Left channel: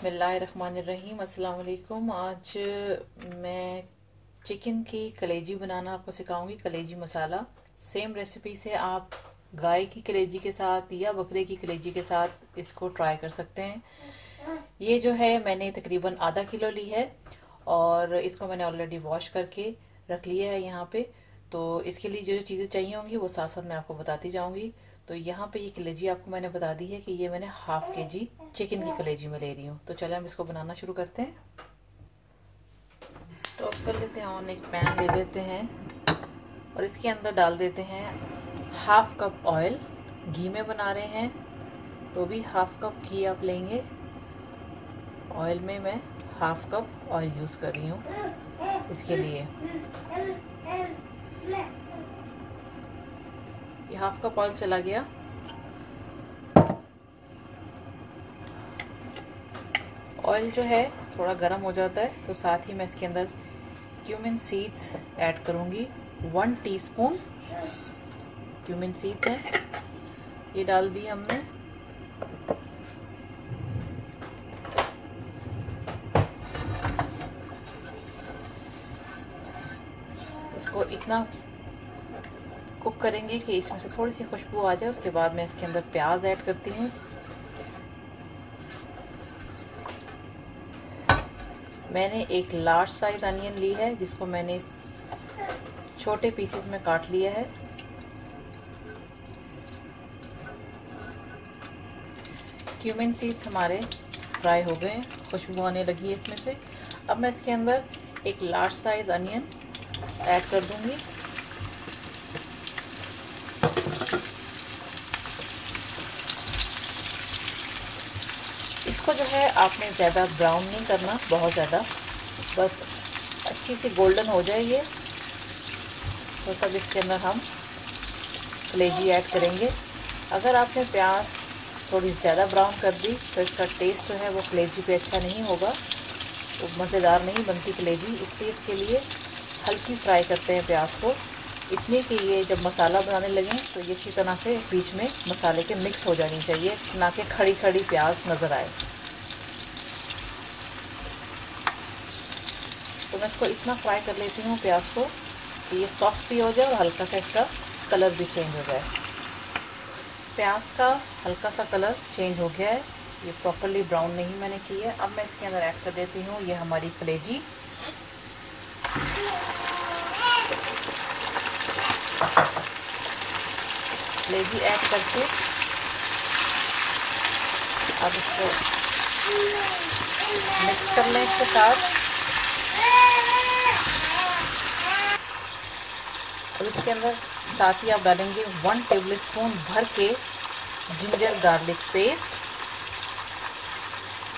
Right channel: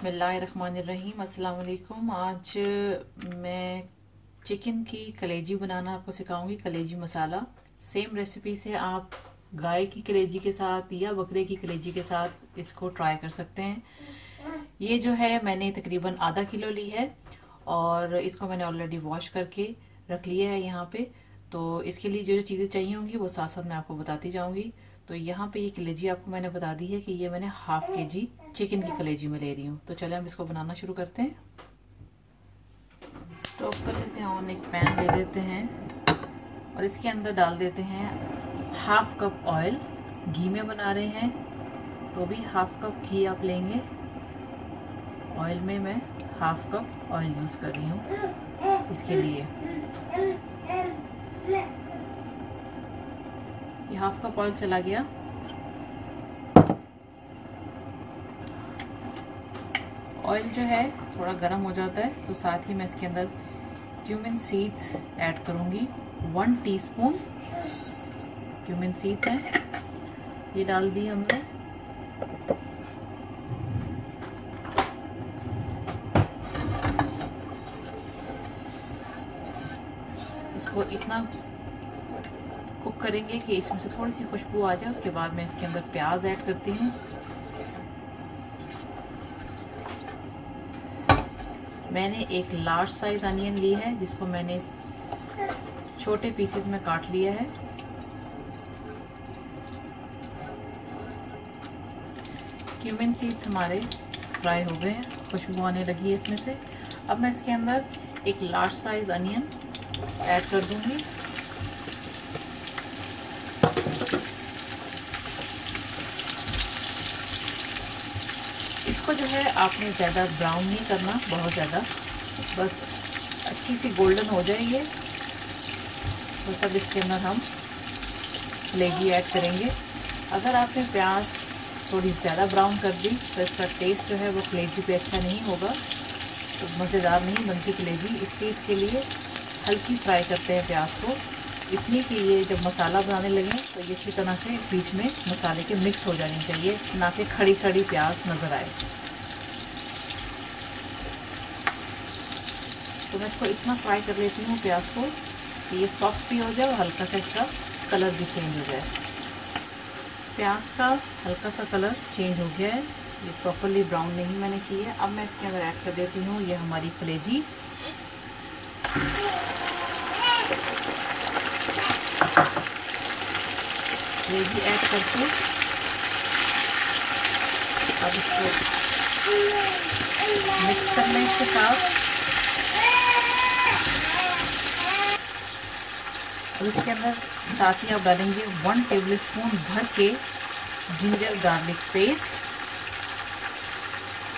बिस्मिल्लाहिर्रहमानिर्रहीम। अस्सलाम वालेकुम। आज मैं चिकन की कलेजी बनाना आपको सिखाऊंगी। कलेजी मसाला सेम रेसिपी से आप गाय की कलेजी के साथ या बकरे की कलेजी के साथ इसको ट्राई कर सकते हैं। ये जो है मैंने तकरीबन आधा किलो ली है और इसको मैंने ऑलरेडी वॉश करके रख लिया है यहाँ पे। तो इसके लिए जो चीज़ें चाहिए होंगी वो साथ साथ मैं आपको बताती जाऊंगी। तो यहाँ पे ये कलेजी आपको मैंने बता दी है कि ये मैंने हाफ केजी चिकन की कलेजी में ले रही हूँ। तो चले हम इसको बनाना शुरू करते हैं। स्टोव कर लेते हैं ऑन, एक पैन ले लेते हैं और इसके अंदर डाल देते हैं हाफ कप ऑयल। घी में बना रहे हैं तो भी हाफ कप घी आप लेंगे। ऑयल में मैं हाफ कप ऑयल यूज कर रही हूँ इसके लिए। ये हाफ कप ऑयल चला गया। ऑयल जो है थोड़ा गर्म हो जाता है तो साथ ही मैं इसके अंदर क्यूमिन सीड्स ऐड करूंगी। 1 टीस्पून क्यूमिन सीड्स है, ये डाल दी हमने। इसको इतना कुक करेंगे कि इसमें से थोड़ी सी खुशबू आ जाए। उसके बाद मैं इसके अंदर प्याज ऐड करती हूँ। मैंने एक लार्ज साइज अनियन ली है जिसको मैंने छोटे पीसेस में काट लिया है। क्यूमिन सीड्स हमारे फ्राई हो गए हैं, खुशबू आने लगी है इसमें से। अब मैं इसके अंदर एक लार्ज साइज अनियन ऐड कर दूंगी। इसको जो है आपने ज़्यादा ब्राउन नहीं करना, बहुत ज़्यादा, बस अच्छी सी गोल्डन हो जाए ये। तो तब इसके अंदर हम कलेजी ऐड करेंगे। अगर आपने प्याज थोड़ी ज़्यादा ब्राउन कर दी तो इसका टेस्ट जो है वो कलेजी पे अच्छा नहीं होगा, तो मज़ेदार नहीं बनती कलेजी। इसलिए इसके लिए हल्की फ्राई करते हैं प्याज को, इतनी कि ये जब मसाला बनाने लगे तो ये अच्छी तरह से बीच में मसाले के मिक्स हो जानी चाहिए, ना कि खड़ी खड़ी प्याज नज़र आए। तो मैं इसको इतना फ्राई कर लेती हूँ प्याज को कि ये सॉफ्ट भी हो जाए और हल्का सा इसका कलर भी चेंज हो जाए। प्याज का हल्का सा कलर चेंज हो गया है, ये प्रॉपरली ब्राउन नहीं मैंने की है। अब मैं इसके अंदर ऐड कर देती हूँ ये हमारी कलेजी। कलेजी ऐड करके अब इसको मिक्स कर लें इसके साथ। और इसके अंदर साथ ही आप डालेंगे 1 टेबलस्पून भर के जिंजर गार्लिक पेस्ट,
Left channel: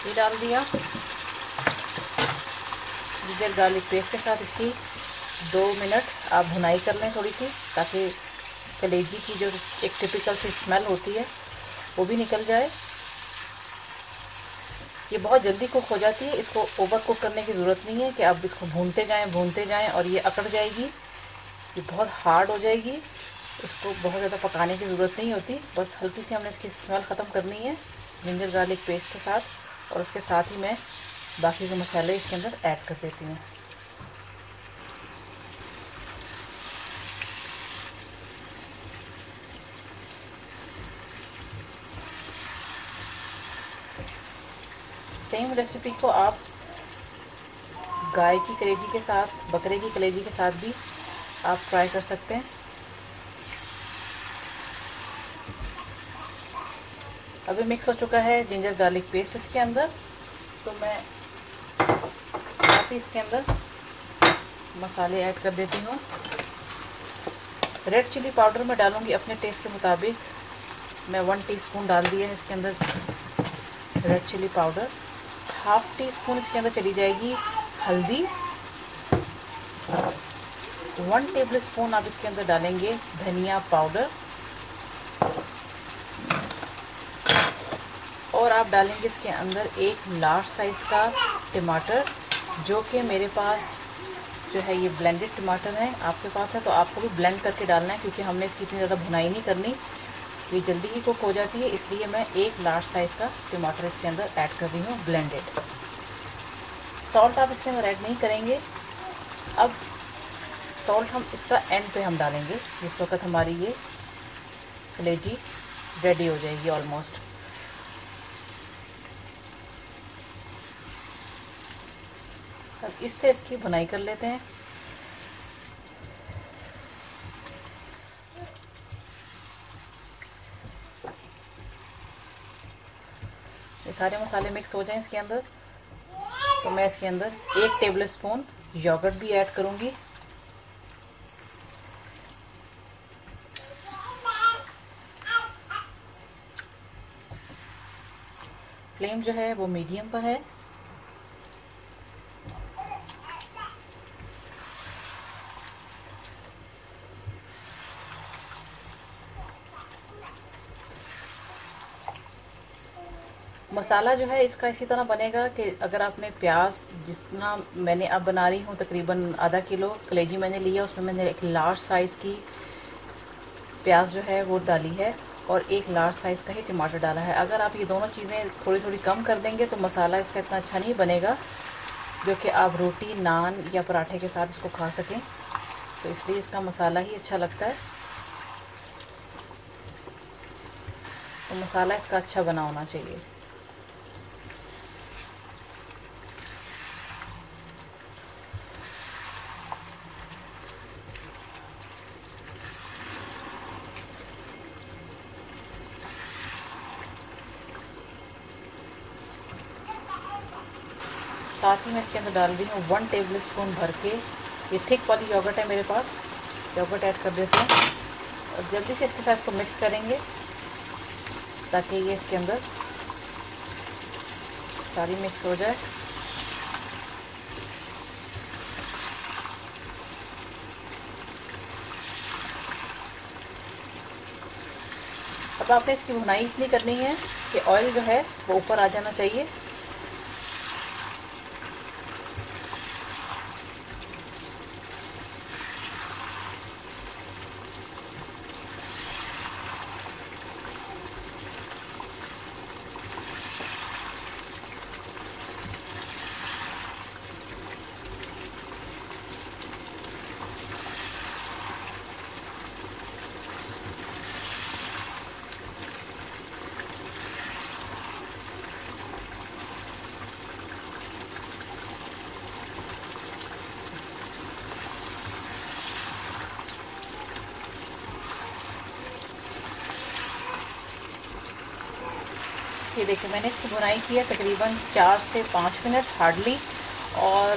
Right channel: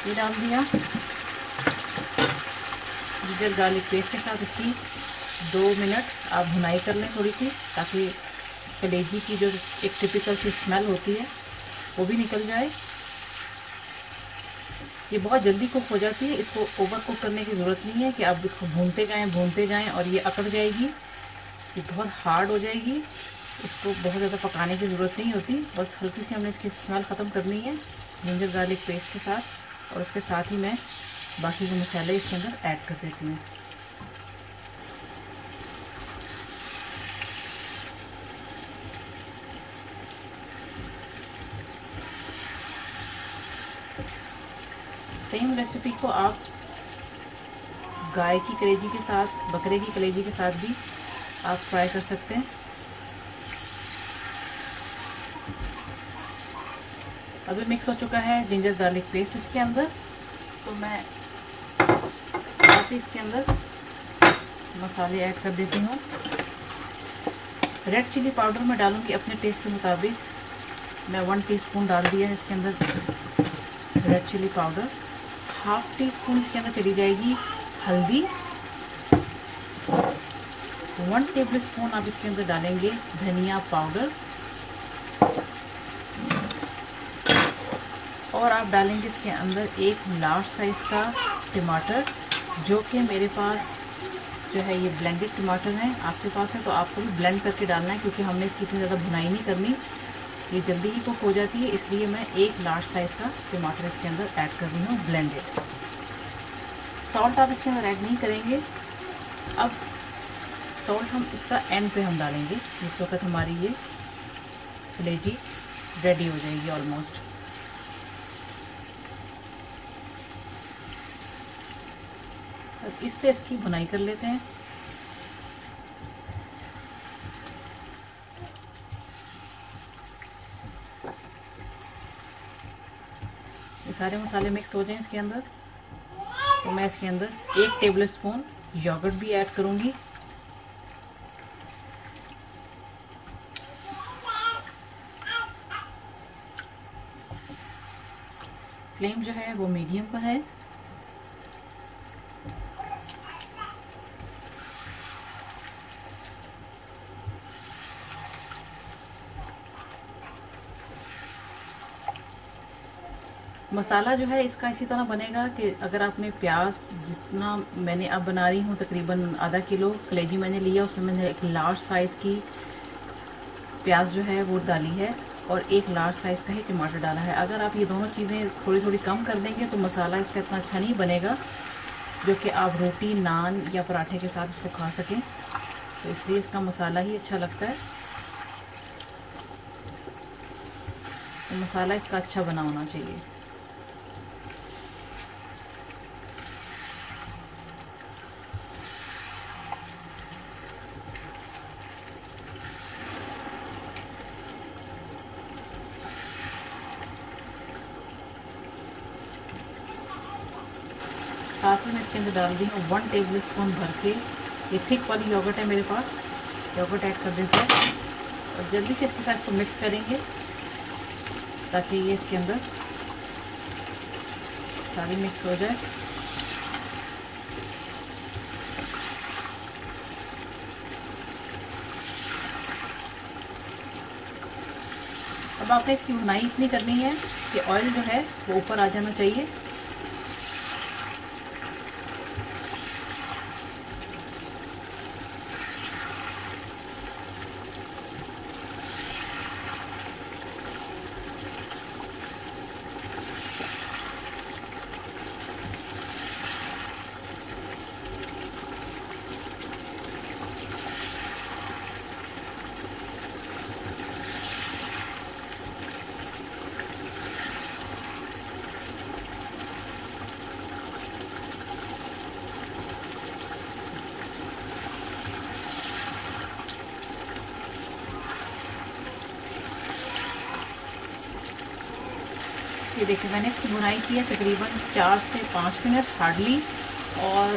ये डाल दिया। जिंजर गार्लिक पेस्ट के साथ इसकी 2 मिनट आप भुनाई कर लें थोड़ी सी, ताकि कलेजी की जो एक टिपिकल सी स्मेल होती है वो भी निकल जाए। ये बहुत जल्दी कुक हो जाती है, इसको ओवर कुक करने की ज़रूरत नहीं है कि आप इसको भूनते जाएं और ये अकड़ जाएगी, ये बहुत हार्ड हो जाएगी। इसको बहुत ज़्यादा पकाने की ज़रूरत नहीं होती, बस हल्की सी हमने इसकी स्मेल ख़त्म करनी है जिंजर गार्लिक पेस्ट के साथ। और उसके साथ ही मैं बाकी के मसाले इसके अंदर ऐड कर देती हूँ। सेम रेसिपी को आप गाय की कलेजी के साथ, बकरे की कलेजी के साथ भी आप ट्राई कर सकते हैं। अभी मिक्स हो चुका है जिंजर गार्लिक पेस्ट इसके अंदर, तो मैं साथ ही इसके अंदर मसाले ऐड कर देती हूँ। रेड चिली पाउडर मैं डालूंगी अपने टेस्ट के मुताबिक। मैं 1 टीस्पून डाल दिया है इसके अंदर red chilli powder. Half teaspoon इसके अंदर चली जाएगी हल्दी। 1 टेबलस्पून आप इसके अंदर डालेंगे धनिया पाउडर। और आप डालेंगे इसके अंदर एक लार्ज साइज का टमाटर, जो कि मेरे पास जो है ये ब्लेंडेड टमाटर है। आपके पास है तो आपको भी ब्लेंड करके डालना है, क्योंकि हमने इसकी इतनी ज़्यादा भुनाई नहीं करनी। ये जल्दी ही कुक हो जाती है, इसलिए मैं एक लार्ज साइज़ का टमाटर इसके अंदर ऐड कर रही हूँ ब्लेंडेड। सॉल्ट आप इसके अंदर ऐड नहीं करेंगे। अब सॉल्ट हम इसका एंड पे हम डालेंगे, जिस वक्त हमारी ये कलेजी रेडी हो जाएगी ऑलमोस्ट। और इससे इसकी बुनाई कर लेते हैं। ये सारे मसाले मिक्स हो जाएं इसके अंदर, तो मैं इसके अंदर 1 टेबल स्पून योगर्ट भी ऐड करूंगी। फ्लेम जो है वो मीडियम पर है। मसाला जो है इसका इसी तरह बनेगा कि अगर आपने प्याज, जितना मैंने अब बना रही हूँ तकरीबन आधा किलो कलेजी मैंने लिया, उसमें मैंने एक लार्ज साइज़ की प्याज जो है वो डाली है और एक लार्ज साइज़ का ही टमाटर डाला है। अगर आप ये दोनों चीज़ें थोड़ी थोड़ी कम कर देंगे तो मसाला इसका इतना अच्छा नहीं बनेगा जो कि आप रोटी, नान या पराठे के साथ इसको खा सकें। तो इसलिए इसका मसाला ही अच्छा लगता है। तो मसाला इसका अच्छा बना होना चाहिए। साथ ही मैं इसके अंदर डाल रही हूँ 1 टेबल स्पून भर के, ये थिक वाली योगर्ट है मेरे पास, योगर्ट ऐड कर देते हैं और जल्दी से इसके साथ इसको मिक्स करेंगे ताकि ये इसके अंदर सारी मिक्स हो जाए। अब आपने इसकी भुनाई इतनी करनी है कि ऑयल जो है वो ऊपर आ जाना चाहिए। ये देखिए मैंने इसकी बुनाई की है तकरीबन 4 से 5 मिनट हार्डली, और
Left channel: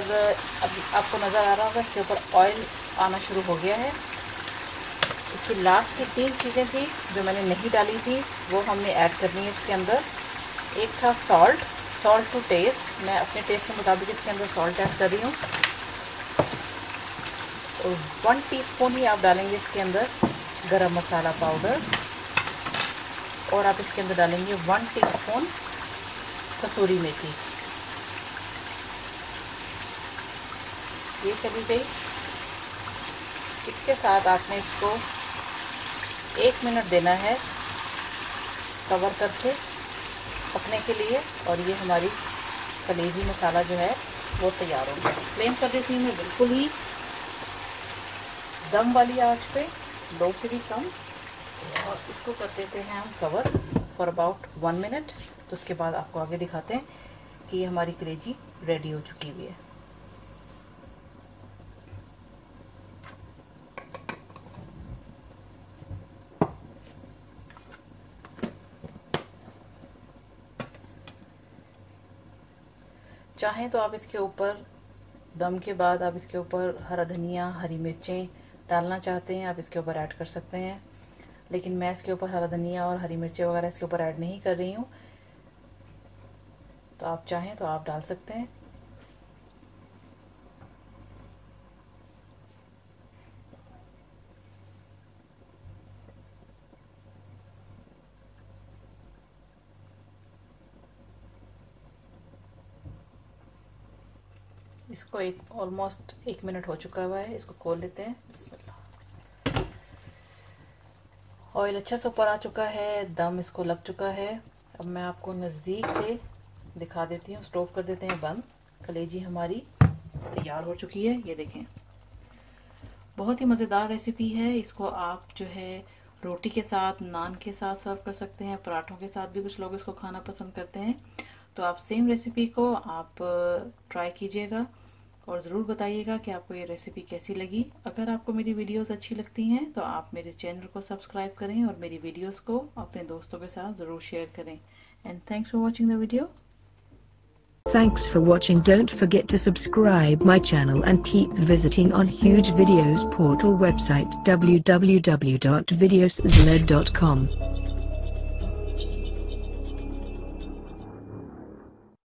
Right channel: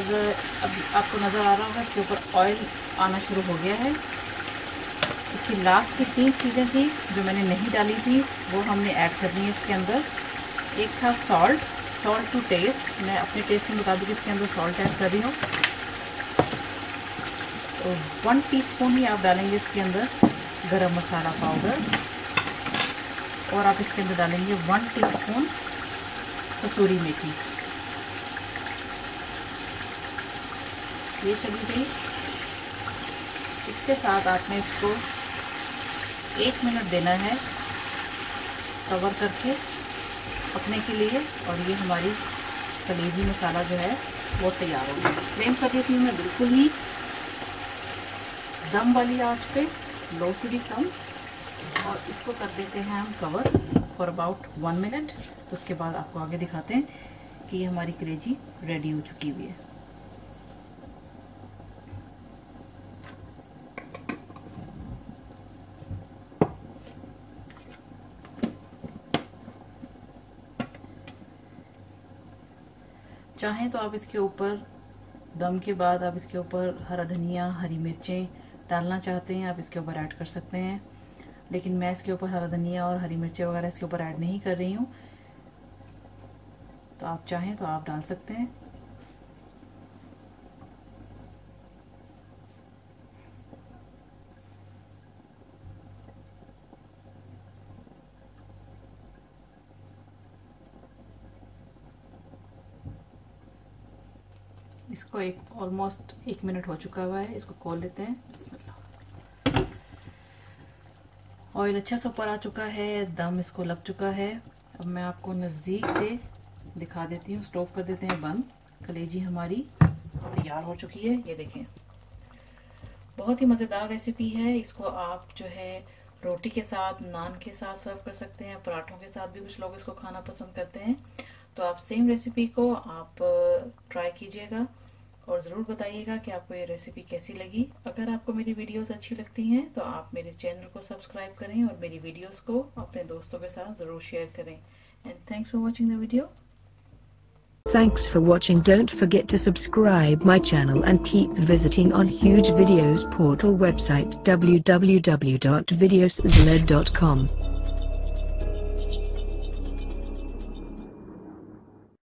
अब आपको नज़र आ रहा होगा इसके ऊपर ऑयल आना शुरू हो गया है। इसकी लास्ट की 3 चीज़ें थी जो मैंने नहीं डाली थी, वो हमने ऐड करनी है इसके अंदर। एक था सॉल्ट टू टेस्ट, मैं अपने टेस्ट के मुताबिक इसके अंदर सॉल्ट ऐड कर रही हूँ। तो 1 टीस्पून ही आप डालेंगे इसके अंदर गरम मसाला पाउडर, और आप इसके अंदर डालेंगे 1 टीस्पून कसूरी मेथी। ये चली गई। इसके साथ आपने इसको 1 मिनट देना है कवर करके पकने के लिए, और ये हमारी कलेजी मसाला जो है वो तैयार हो गया। फ्लेम कर दी थी मैं बिल्कुल ही दम वाली आंच पे, लो से भी कम, और इसको कर देते हैं हम कवर फॉर अबाउट 1 मिनट। तो उसके बाद आपको आगे दिखाते हैं कि ये हमारी कलेजी रेडी हो चुकी हुई है। चाहें तो आप इसके ऊपर दम के बाद आप इसके ऊपर हरा धनिया, हरी मिर्चें डालना चाहते हैं आप इसके ऊपर ऐड कर सकते हैं, लेकिन मैं इसके ऊपर हरा धनिया और हरी मिर्चें वगैरह इसके ऊपर ऐड नहीं कर रही हूँ। तो आप चाहें तो आप डाल सकते हैं। इसको ऑलमोस्ट 1 मिनट हो चुका हुआ है, इसको खोल लेते हैं। बिस्मिल्लाह। ऑयल अच्छा से ऊपर आ चुका है, दम इसको लग चुका है। अब मैं आपको नज़दीक से दिखा देती हूँ। स्टोव कर देते हैं बंद। कलेजी हमारी तैयार हो चुकी है, ये देखें। बहुत ही मज़ेदार रेसिपी है। इसको आप जो है रोटी के साथ, नान के साथ सर्व कर सकते हैं, पराठों के साथ भी कुछ लोग इसको खाना पसंद करते हैं। तो आप सेम रेसिपी को आप ट्राई कीजिएगा और ज़रूर बताइएगा कि आपको ये रेसिपी कैसी लगी। अगर आपको मेरी वीडियोस अच्छी लगती हैं तो आप मेरे चैनल को सब्सक्राइब करें और मेरी वीडियोस को अपने दोस्तों के साथ ज़रूर शेयर करें। And thanks for watching the video. Thanks for watching. Don't forget to subscribe my channel and keep visiting on Huge Videos portal website www.videoszled.com.